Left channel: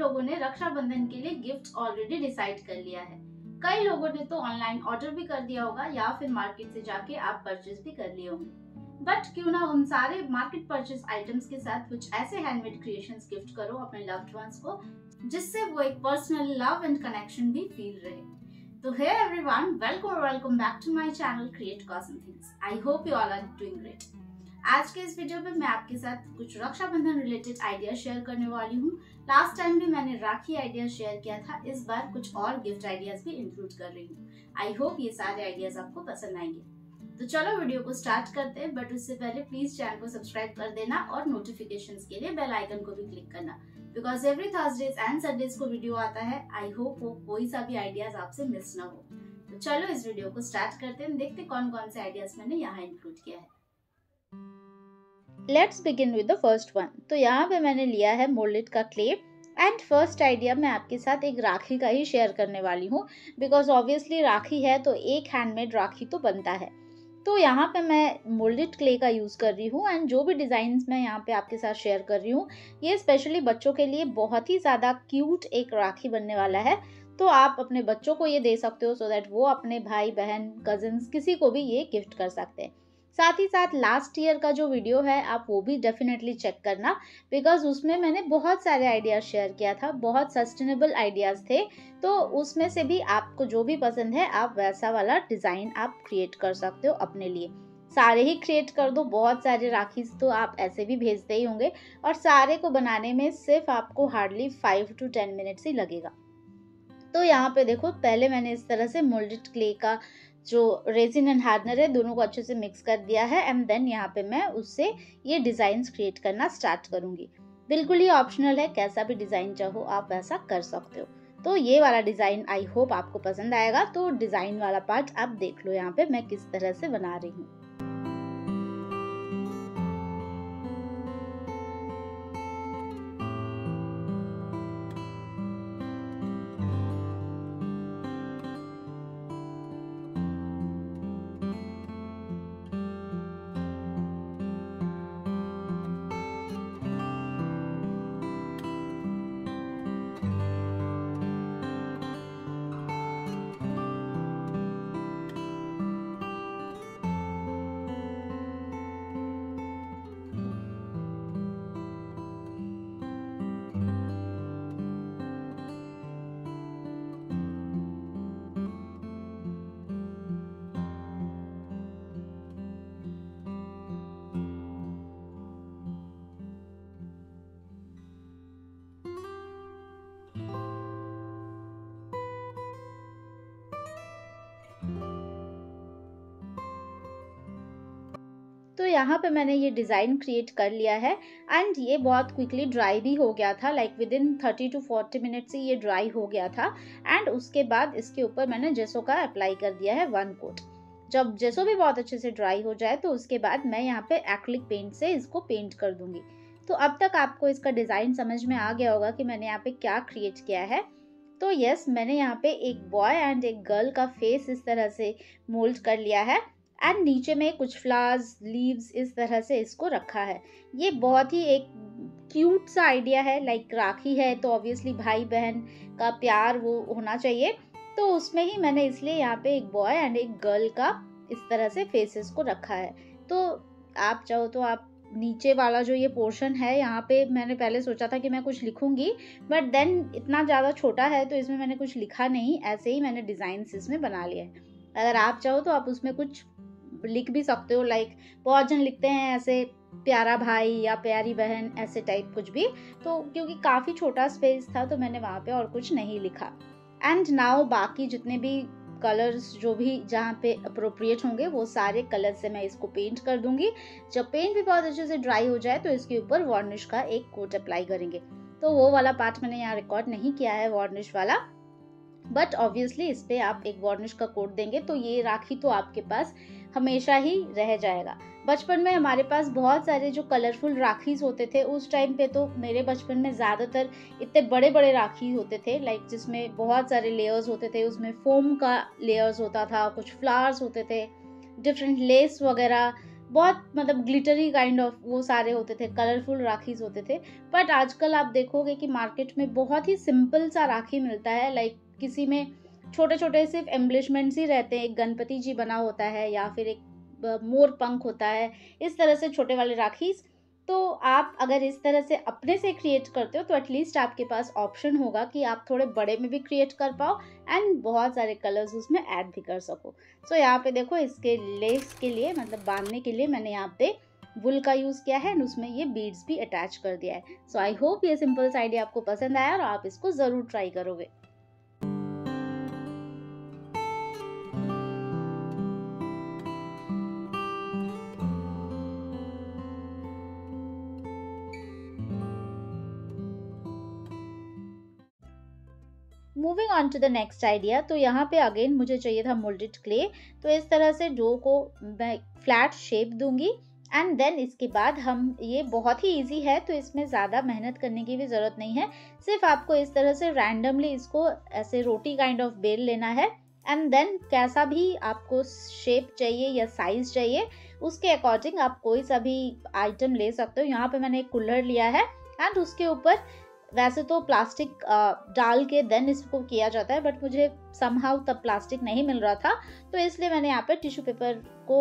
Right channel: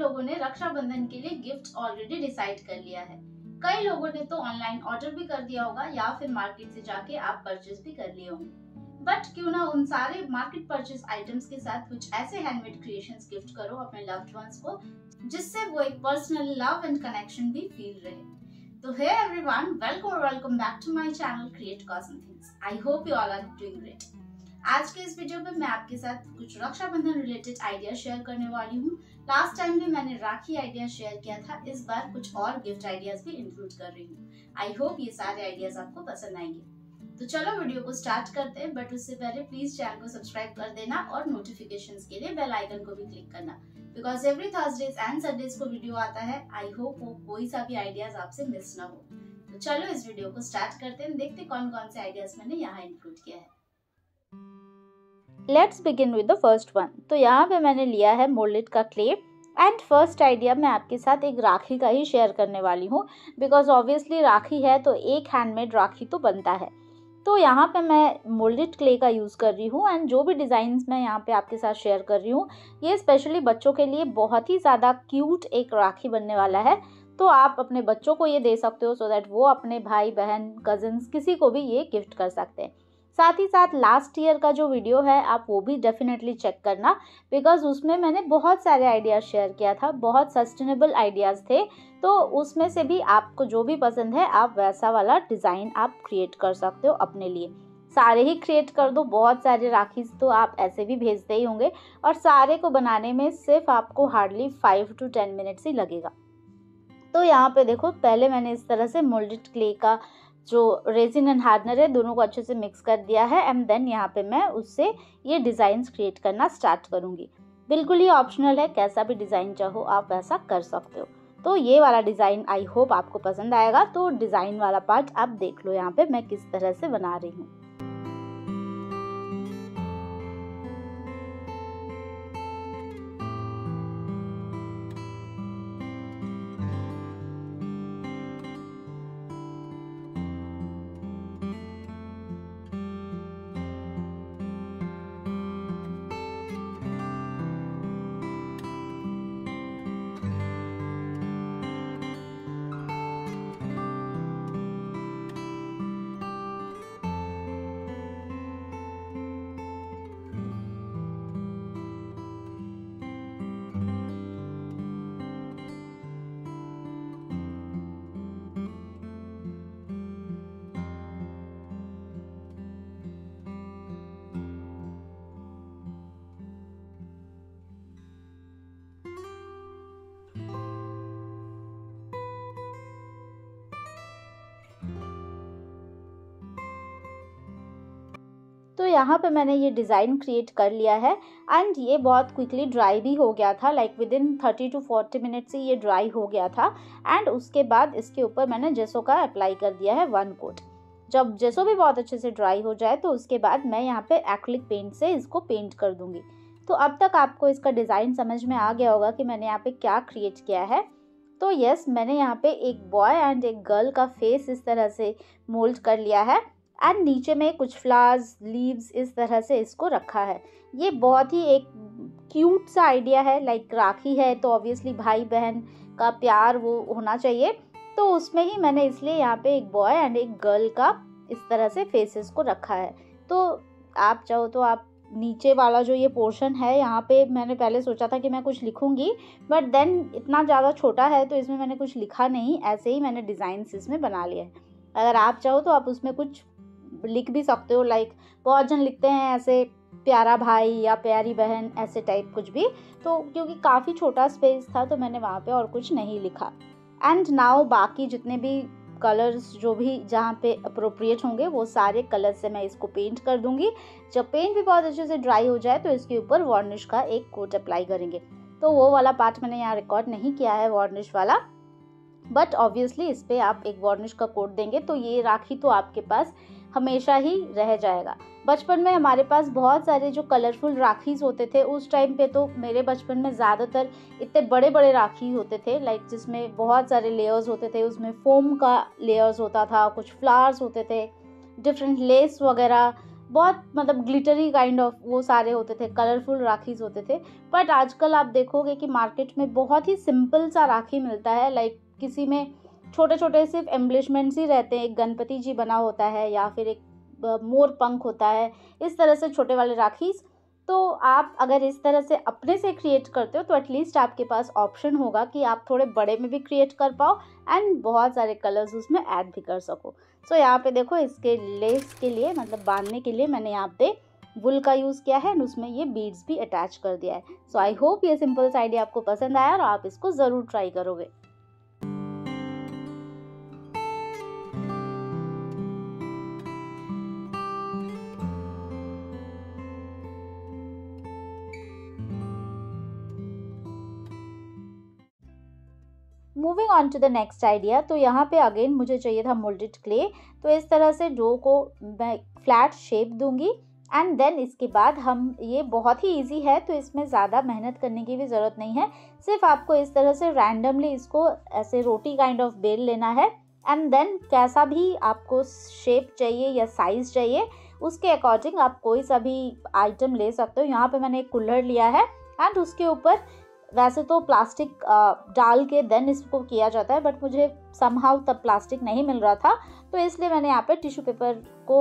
लोगों ने रक्षाबंधन के लिए गिफ्ट ऑलरेडी डिसाइड कर लिया है। कई लोगों ने तो ऑनलाइन ऑर्डर भी कर दिया होगा या फिर मार्केट से जाके आप परचेज भी कर लिए होंगे। बट क्यों ना उन सारे मार्केट परचेज आइटम्स के साथ कुछ ऐसे हैंडमेड क्रिएशंस गिफ्ट करो अपने लव्ड वंस को, जिससे वो एक पर्सनल लव एंड कनेक्शन भी फील रहे। तो hey everyone, welcome back to my channel create cosm things. I hope you all are doing great. आज के इस वीडियो में मैं आपके साथ कुछ रक्षाबंधन रिलेटेड आइडिया शेयर करने वाली हूँ। लास्ट टाइम भी मैंने राखी आइडिया शेयर किया था, इस बार कुछ और गिफ्ट आइडियाज भी इंक्लूड कर रही हूँ। आई होप ये सारे आइडियाज आपको पसंद आएंगे। तो चलो वीडियो को स्टार्ट करते हैं, बट उससे पहले प्लीज चैनल को सब्सक्राइब कर देना और नोटिफिकेशंस के लिए बेल आइकन को भी क्लिक करना, because every Thursdays and Sundays को वीडियो आता है। आई होप वो कोई सा भी आइडियाज आपसे मिस ना हो। तो चलो इस वीडियो को स्टार्ट करते हैं, देखते कौन कौन से आइडियाज मैंने यहाँ इंक्लूड किया है। Let's begin with the first one. तो यहाँ पे मैंने लिया है मोल्डेड का क्ले एंड फर्स्ट आइडिया मैं आपके साथ एक राखी का ही शेयर करने वाली हूँ, बिकॉज ऑब्वियसली राखी है तो एक हैंडमेड राखी तो बनता है। तो यहाँ पे मैं मोल्डेड क्ले का यूज़ कर रही हूँ एंड जो भी डिज़ाइंस मैं यहाँ पे आपके साथ शेयर कर रही हूँ ये स्पेशली बच्चों के लिए बहुत ही ज़्यादा क्यूट एक राखी बनने वाला है। तो आप अपने बच्चों को ये दे सकते हो सो दैट वो अपने भाई बहन कजिन्स किसी को भी ये गिफ्ट कर सकते हैं। साथ ही साथ लास्ट ईयर का जो वीडियो है आप वो भी डेफिनेटली चेक करना, बिकॉज उसमें मैंने बहुत सारे आइडियाज़ शेयर किया था, बहुत सस्टेनेबल आइडियाज़ थे। तो उसमें से भी आपको जो भी पसंद है आप वैसा वाला डिज़ाइन आप क्रिएट कर सकते हो अपने लिए। सारे ही क्रिएट कर दो, बहुत सारे राखीज तो आप ऐसे भी भेजते ही होंगे और सारे को बनाने में सिर्फ आपको हार्डली 5 to 10 मिनट्स ही लगेगा। तो यहाँ पे देखो, पहले मैंने इस तरह से मोल्डेड क्ले का जो रेजिन एंड हार्डनर है दोनों को अच्छे से मिक्स कर दिया है एंड देन यहाँ पे मैं उससे ये डिज़ाइंस क्रिएट करना स्टार्ट करूँगी। बिल्कुल ही ऑप्शनल है, कैसा भी डिज़ाइन चाहो आप वैसा कर सकते हो। तो ये वाला डिज़ाइन आई होप आपको पसंद आएगा। तो डिज़ाइन वाला पार्ट आप देख लो यहाँ पे मैं किस तरह से बना रही हूँ। तो यहाँ पे मैंने ये डिज़ाइन क्रिएट कर लिया है एंड ये बहुत क्विकली ड्राई भी हो गया था, like with in 30 to 40 minute से ये ड्राई हो गया था। एंड उसके बाद इसके ऊपर मैंने जेसो का अप्लाई कर दिया है 1 कोट। जब जेसो भी बहुत अच्छे से ड्राई हो जाए तो उसके बाद मैं यहाँ पे एक्रिलिक पेंट से इसको पेंट कर दूंगी। तो अब तक आपको इसका डिज़ाइन समझ में आ गया होगा कि मैंने यहाँ पे क्या क्रिएट किया है। तो यस, मैंने यहाँ पे एक बॉय एंड एक गर्ल का फेस इस तरह से मोल्ड कर लिया है एंड नीचे में कुछ फ्लावर्स लीव्स इस तरह से इसको रखा है। ये बहुत ही एक क्यूट सा आइडिया है, लाइक राखी है तो ऑब्वियसली भाई बहन का प्यार वो होना चाहिए। तो उसमें ही मैंने इसलिए यहाँ पे एक बॉय एंड एक गर्ल का इस तरह से फेसेस को रखा है। तो आप चाहो तो आप नीचे वाला जो ये पोर्शन है यहाँ पे मैंने पहले सोचा था कि मैं कुछ लिखूंगी, बट देन इतना ज़्यादा छोटा है तो इसमें मैंने कुछ लिखा नहीं, ऐसे ही मैंने डिज़ाइन इसमें बना लिया है। अगर आप चाहो तो आप उसमें कुछ लिख भी सकते हो, लाइक बहुत जन लिखते हैं ऐसे प्यारा भाई या प्यारी बहन ऐसे टाइप कुछ भी। तो क्योंकि काफ़ी छोटा स्पेस था तो मैंने वहाँ पे और कुछ नहीं लिखा। एंड नाउ बाकी जितने भी कलर्स जो भी जहाँ पे अप्रोप्रिएट होंगे वो सारे कलर से मैं इसको पेंट कर दूंगी। जब पेंट भी बहुत अच्छे से ड्राई हो जाए तो इसके ऊपर वार्निश का एक कोट अप्लाई करेंगे। तो वो वाला पार्ट मैंने यहाँ रिकॉर्ड नहीं किया है वार्निश वाला, बट ऑब्वियसली इस पे आप एक वार्निश का कोट देंगे तो ये राखी तो आपके पास हमेशा ही रह जाएगा। बचपन में हमारे पास बहुत सारे जो कलरफुल राखीज होते थे उस टाइम पे, तो मेरे बचपन में ज़्यादातर इतने बड़े बड़े राखी होते थे, लाइक जिसमें बहुत सारे लेयर्स होते थे। उसमें फोम का लेयर्स होता था, कुछ फ्लावर्स होते थे, डिफरेंट लेस वगैरह बहुत मतलब ग्लिटरी काइंड ऑफ वो सारे होते थे, कलरफुल राखीज होते थे। बट आजकल आप देखोगे कि मार्केट में बहुत ही सिंपल सा राखी मिलता है, लाइक किसी में छोटे छोटे सिर्फ एम्बलिशमेंट्स ही रहते हैं, एक गणपति जी बना होता है या फिर एक मोर पंख होता है, इस तरह से छोटे वाले राखीज। तो आप अगर इस तरह से अपने से क्रिएट करते हो तो एटलीस्ट आपके पास ऑप्शन होगा कि आप थोड़े बड़े में भी क्रिएट कर पाओ एंड बहुत सारे कलर्स उसमें ऐड भी कर सको। सो यहाँ पे देखो इसके लेस के लिए मतलब बांधने के लिए मैंने यहाँ पे वुल का यूज़ किया है एंड उसमें ये बीड्स भी अटैच कर दिया है। सो आई होप ये सिंपल सा आइडिया आपको पसंद आया और आप इसको ज़रूर ट्राई करोगे। Moving on to the next idea, तो यहाँ पे अगेन मुझे चाहिए था मोल्डेड क्ले। तो इस तरह से डो को मैं फ्लैट शेप दूंगी एंड देन इसके बाद हम, ये बहुत ही इजी है तो इसमें ज़्यादा मेहनत करने की भी ज़रूरत नहीं है, सिर्फ आपको इस तरह से रैंडमली इसको ऐसे रोटी काइंड ऑफ बेल लेना है एंड देन कैसा भी आपको शेप चाहिए या साइज़ चाहिए उसके अकॉर्डिंग आप कोई सा भी आइटम ले सकते हो। यहाँ पे मैंने एक कुल्हड़ लिया है एंड उसके ऊपर वैसे तो प्लास्टिक डाल के देन इसको किया जाता है, बट मुझे समहाउ तब प्लास्टिक नहीं मिल रहा था तो इसलिए मैंने यहाँ पे टिश्यू पेपर को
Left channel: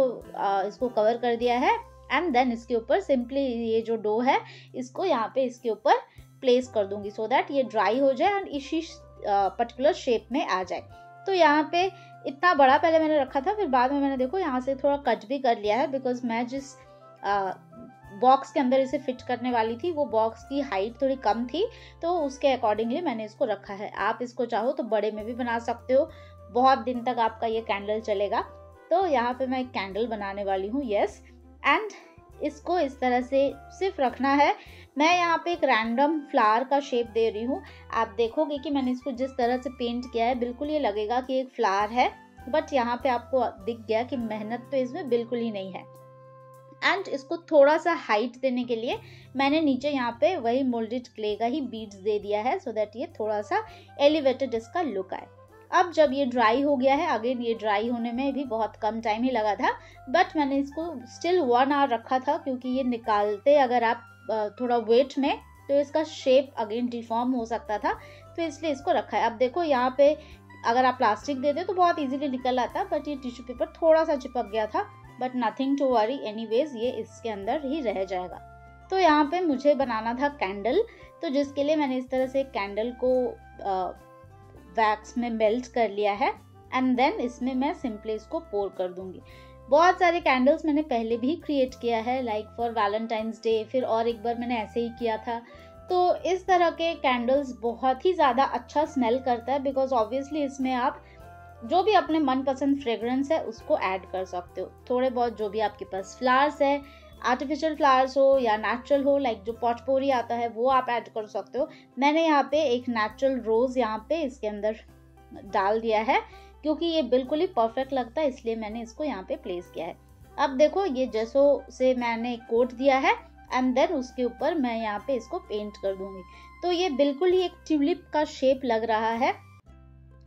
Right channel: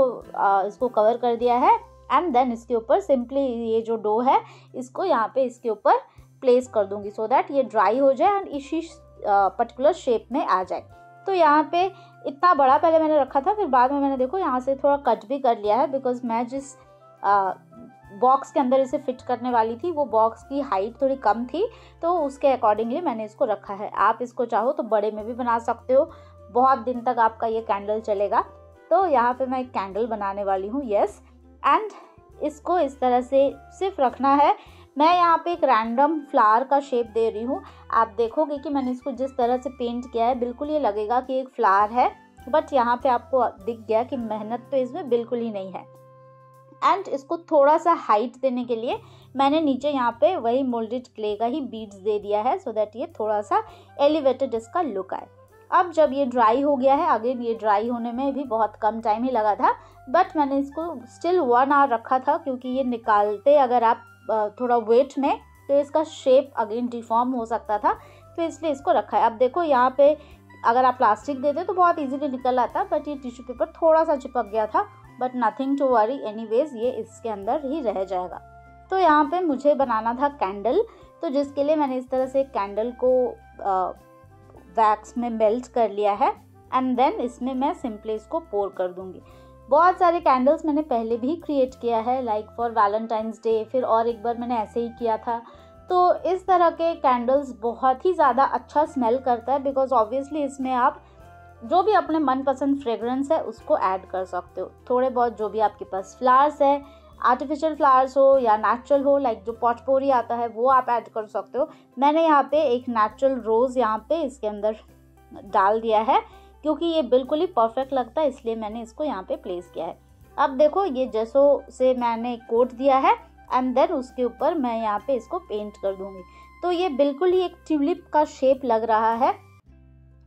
इसको कवर कर दिया है एंड देन इसके ऊपर सिंपली ये जो डो है इसको यहाँ पे इसके ऊपर प्लेस कर दूंगी सो दैट ये ड्राई हो जाए एंड इसी पर्टिकुलर शेप में आ जाए। तो यहाँ पे इतना बड़ा पहले मैंने रखा था, फिर बाद में मैंने देखो यहाँ से थोड़ा कट भी कर लिया है बिकॉज मैं जिस बॉक्स के अंदर इसे फिट करने वाली थी वो बॉक्स की हाइट थोड़ी कम थी तो उसके अकॉर्डिंगली मैंने इसको रखा है। आप इसको चाहो तो बड़े में भी बना सकते हो, बहुत दिन तक आपका ये कैंडल चलेगा। तो यहाँ पे मैं एक कैंडल बनाने वाली हूँ, यस, एंड इसको इस तरह से सिर्फ रखना है। मैं यहाँ पे एक रैंडम फ्लावर का शेप दे रही हूँ। आप देखोगे कि मैंने इसको जिस तरह से पेंट किया है बिल्कुल ये लगेगा कि एक फ्लावर है, बट यहाँ पे आपको दिख गया कि मेहनत तो इसमें बिल्कुल ही नहीं है। एंड इसको थोड़ा सा हाइट देने के लिए मैंने नीचे यहाँ पे वही मोल्डेड क्ले का ही बीड्स दे दिया है सो दैट ये थोड़ा सा एलिवेटेड इसका लुक आए। अब जब ये ड्राई हो गया है, अगेन ये ड्राई होने में भी बहुत कम टाइम ही लगा था, बट मैंने इसको स्टिल 1 आवर रखा था क्योंकि ये निकालते अगर आप थोड़ा वेट में तो इसका शेप अगेन डिफॉर्म हो सकता था, तो इसलिए इसको रखा है। अब देखो यहाँ पे अगर आप प्लास्टिक देते तो बहुत इजीली निकल आता, बट ये टिश्यू पेपर थोड़ा सा चिपक गया था, but nothing to worry, anyways ये इसके अंदर ही रह जाएगा। तो यहाँ पे मुझे बनाना था कैंडल, तो जिसके लिए मैंने इस तरह से कैंडल को वैक्स में मेल्ट कर लिया है एंड देन इसमें मैं सिंपली इसको पोर कर दूंगी। बहुत सारे कैंडल्स मैंने पहले भी क्रिएट किया है, लाइक फॉर वैलेंटाइंस डे, फिर और एक बार मैंने ऐसे ही किया था। तो इस तरह के कैंडल्स बहुत ही ज़्यादा अच्छा स्मेल करता है बिकॉज ऑब्वियसली इसमें आप जो भी अपने मनपसंद फ्रेग्रेंस है उसको ऐड कर सकते हो। थोड़े बहुत जो भी आपके पास फ्लावर्स है, आर्टिफिशियल फ्लावर्स हो या नेचुरल हो, लाइक जो पॉटपोरी आता है वो आप ऐड कर सकते हो। मैंने यहाँ पे एक नेचुरल रोज़ यहाँ पे इसके अंदर डाल दिया है क्योंकि ये बिल्कुल ही परफेक्ट लगता है, इसलिए मैंने इसको यहाँ पे प्लेस किया है। अब देखो ये जैसो से मैंने कोट दिया है एंड देन उसके ऊपर मैं यहाँ पे इसको पेंट कर दूंगी। तो ये बिल्कुल ही एक ट्यूलिप का शेप लग रहा है।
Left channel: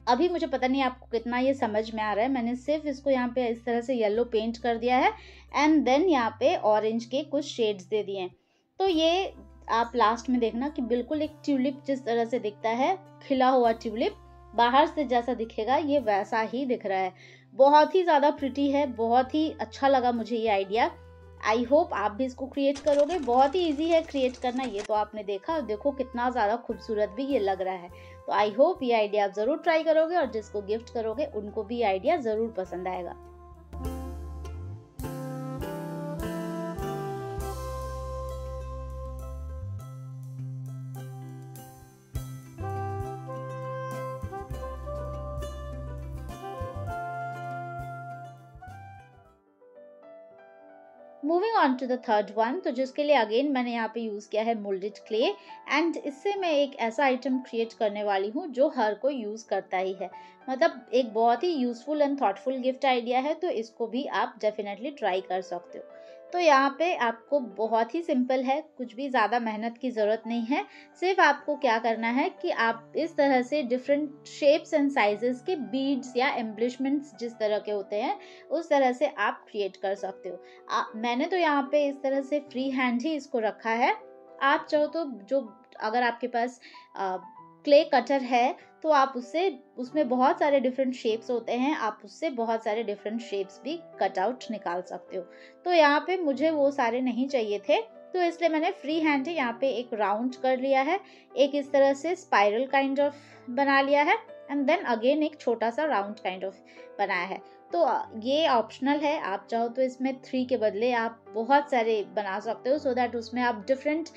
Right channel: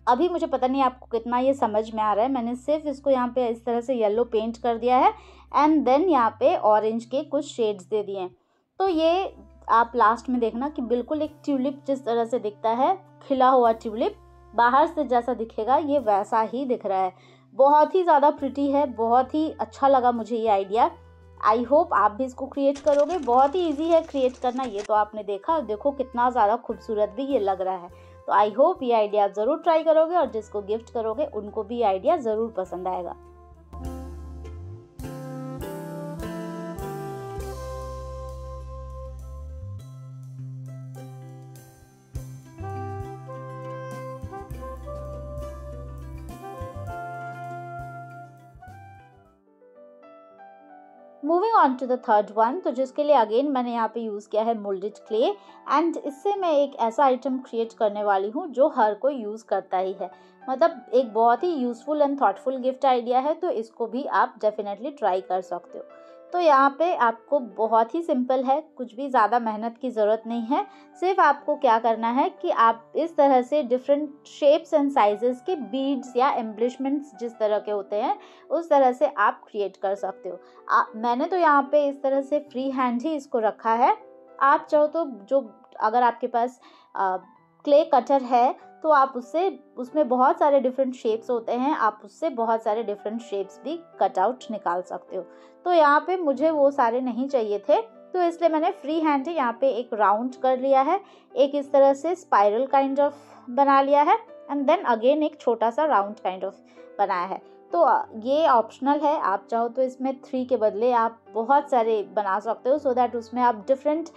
अभी मुझे पता नहीं आपको कितना ये समझ में आ रहा है, मैंने सिर्फ इसको यहाँ पे इस तरह से येलो पेंट कर दिया है एंड देन यहाँ पे ऑरेंज के कुछ शेड्स दे दिए हैं। तो ये आप लास्ट में देखना कि बिल्कुल एक ट्यूलिप जिस तरह से दिखता है, खिला हुआ ट्यूलिप बाहर से जैसा दिखेगा ये वैसा ही दिख रहा है। बहुत ही ज़्यादा प्रिटी है, बहुत ही अच्छा लगा मुझे ये आइडिया। आई होप आप भी इसको क्रिएट करोगे, बहुत ही ईजी है क्रिएट करना, ये तो आपने देखा, देखो कितना ज़्यादा खूबसूरत भी ये लग रहा है। तो आई होप ये आइडिया आप ज़रूर ट्राई करोगे और जिसको गिफ्ट करोगे उनको भी आइडिया ज़रूर पसंद आएगा। Moving on to the third one, तो जिसके लिए अगेन मैंने यहाँ पे यूज़ किया है मोल्डेड क्ले एंड इससे मैं एक ऐसा आइटम क्रिएट करने वाली हूँ जो हर कोई यूज़ करता ही है, मतलब एक बहुत ही useful and thoughtful gift idea है, तो इसको भी आप डेफिनेटली ट्राई कर सकते हो। तो यहाँ पे आपको बहुत ही सिंपल है, कुछ भी ज़्यादा मेहनत की ज़रूरत नहीं है। सिर्फ आपको क्या करना है कि आप इस तरह से डिफरेंट शेप्स एंड साइजेस के बीड्स या एम्बलिशमेंट्स जिस तरह के होते हैं उस तरह से आप क्रिएट कर सकते हो। मैंने तो यहाँ पे इस तरह से फ्री हैंड ही इसको रखा है। आप चाहो तो अगर आपके पास क्ले कटर है तो आप उसमें बहुत सारे डिफरेंट शेप्स होते हैं, आप उससे बहुत सारे डिफरेंट शेप्स भी कट आउट निकाल सकते हो। तो यहाँ पे मुझे वो सारे नहीं चाहिए थे, तो इसलिए मैंने फ्री हैंड ही यहाँ पे एक राउंड कर लिया है, एक इस तरह से स्पाइरल काइंड ऑफ बना लिया है, एंड देन अगेन एक छोटा सा राउंड काइंड ऑफ बनाया है। तो ये ऑप्शनल है, आप चाहो तो इसमें 3 के बदले आप बहुत सारे बना सकते हो, सो दैट उसमें आप डिफरेंट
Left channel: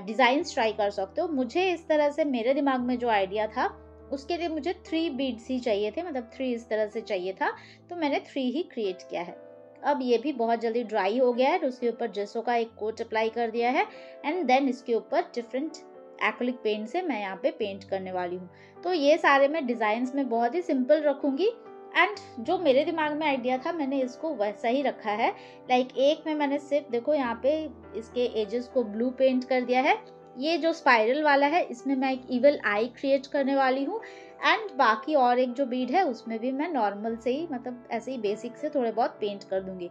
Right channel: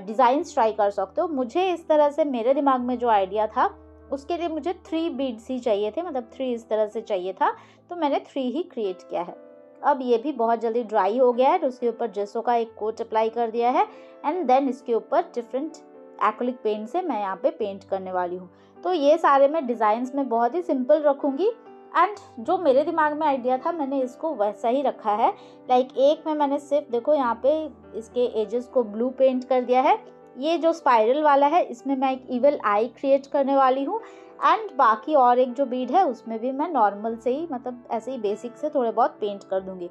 डिज़ाइंस ट्राई कर सकते हो। मुझे इस तरह से मेरे दिमाग में जो आइडिया था उसके लिए मुझे 3 बीड्स ही चाहिए थे, मतलब 3 इस तरह से चाहिए था, तो मैंने 3 ही क्रिएट किया है। अब ये भी बहुत जल्दी ड्राई हो गया है, तो उसके ऊपर जेसो का एक कोट अप्लाई कर दिया है, एंड देन इसके ऊपर डिफरेंट एक्रिलिक पेंट से मैं यहाँ पे पेंट करने वाली हूँ। तो ये सारे मैं डिज़ाइंस में बहुत ही सिंपल रखूँगी, एंड जो मेरे दिमाग में आइडिया था मैंने इसको वैसा ही रखा है। लाइक एक में मैंने सिर्फ देखो यहाँ पे इसके एजेस को ब्लू पेंट कर दिया है। ये जो स्पाइरल वाला है इसमें मैं एक इवल आई क्रिएट करने वाली हूँ, एंड बाकी और एक जो बीड है उसमें भी मैं नॉर्मल से ही, मतलब ऐसे ही बेसिक से थोड़े बहुत पेंट कर दूंगी।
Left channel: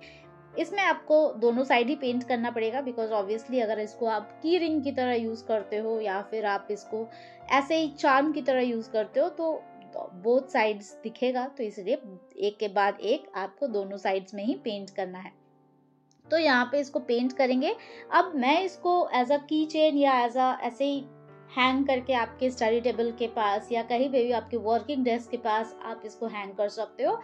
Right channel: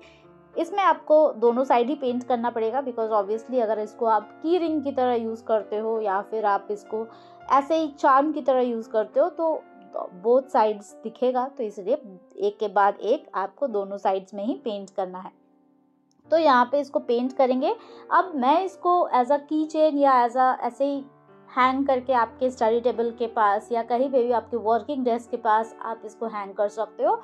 इसमें आपको दोनों साइड ही पेंट करना पड़ेगा, बिकॉज ऑब्वियसली अगर इसको आप की रिंग की तरह यूज़ करते हो या फिर आप इसको ऐसे ही चार्म की तरह यूज़ करते हो तो बोथ साइड्स दिखेगा, तो इसलिए एक के बाद एक आपको दोनों साइड्स में ही पेंट करना है। तो यहाँ पे इसको पेंट करेंगे। अब मैं इसको एज अ की चेन या एज अ ऐसे ही हैंग करके आपके स्टडी टेबल के पास या कहीं पे भी आपके वर्किंग डेस्क के पास आप इसको हैंग कर सकते हो।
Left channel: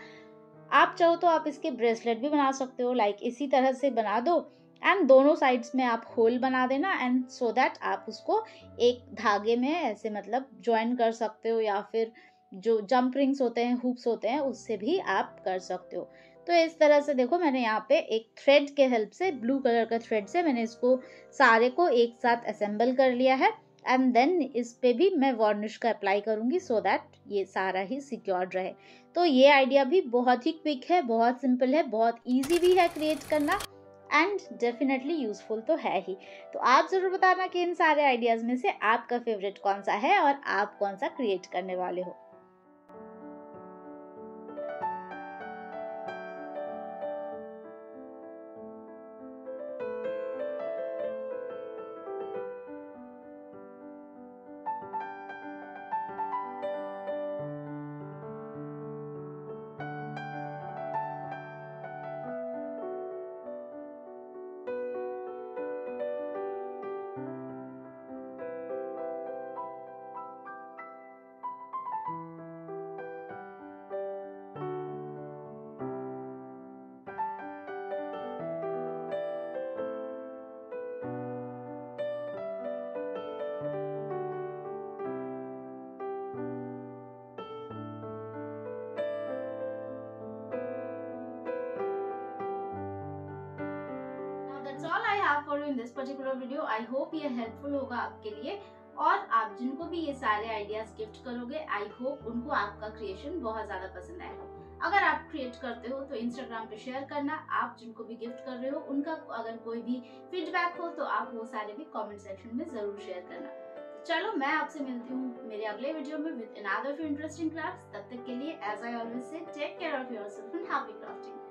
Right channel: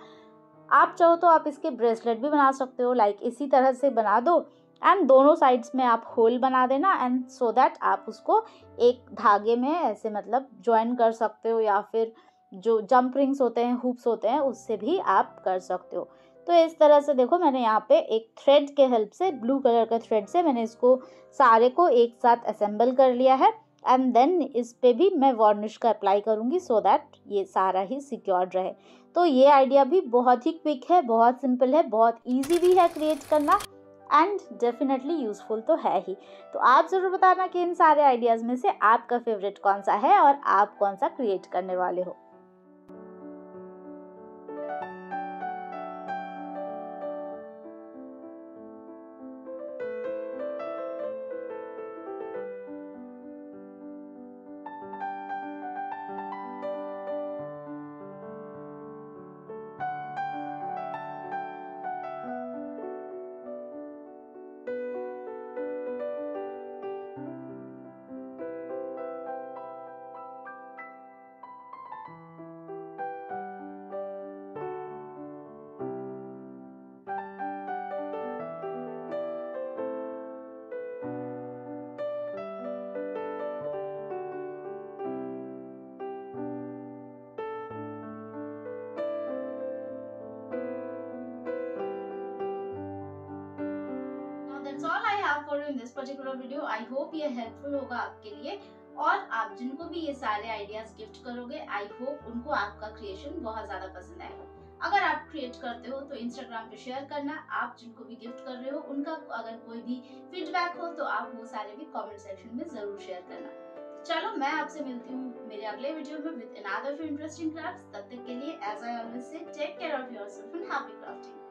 आप चाहो तो आप इसके ब्रेसलेट भी बना सकते हो, लाइक इसी तरह से बना दो, एंड दोनों साइड्स में आप होल बना देना, एंड सो दैट आप उसको एक धागे में ऐसे मतलब ज्वाइन कर सकते हो, या फिर जो जंप रिंग्स होते हैं, हुप्स होते हैं, उससे भी आप कर सकते हो। तो इस तरह से देखो मैंने यहाँ पे एक थ्रेड के हेल्प से, ब्लू कलर का थ्रेड से मैंने इसको सारे को एक साथ असेंबल कर लिया है, एंड देन इस पे भी मैं वार्निश का अप्लाई करूँगी, सो दैट ये सारा ही सिक्योर्ड रहे। तो ये आइडिया भी बहुत ही क्विक है, बहुत सिंपल है, बहुत ईजी भी है क्रिएट करना, एंड डेफिनेटली यूजफुल तो है ही। तो आप ज़रूर बताना कि इन सारे आइडियाज़ में से आपका फेवरेट कौन सा है और आप कौन सा क्रिएट करने वाले हो। That's all I have for you in this particular video. I hope ये हेल्पफुल होगा आपके लिए, और आप जिनको भी ये सारे आइडियाज गिफ्ट करोगे, आई होप उनको आपका क्रिएशन बहुत ज्यादा पसंद आएगा। अगर आप क्रिएट करते हो तो इंस्टाग्राम पे शेयर करना। आप जिनको भी गिफ्ट कर रहे हो उनका अगर कोई भी फीडबैक हो तो आप वो सारे भी कमेंट सेक्शन में जरूर शेयर करना। चलो मैं आपसे मिलती हूँ मेरे अगले वीडियो में विद अनदर इंटरेस्टिंग क्राफ्ट्स। तब तक के लिए as I always say take care of yourself and happy crafting.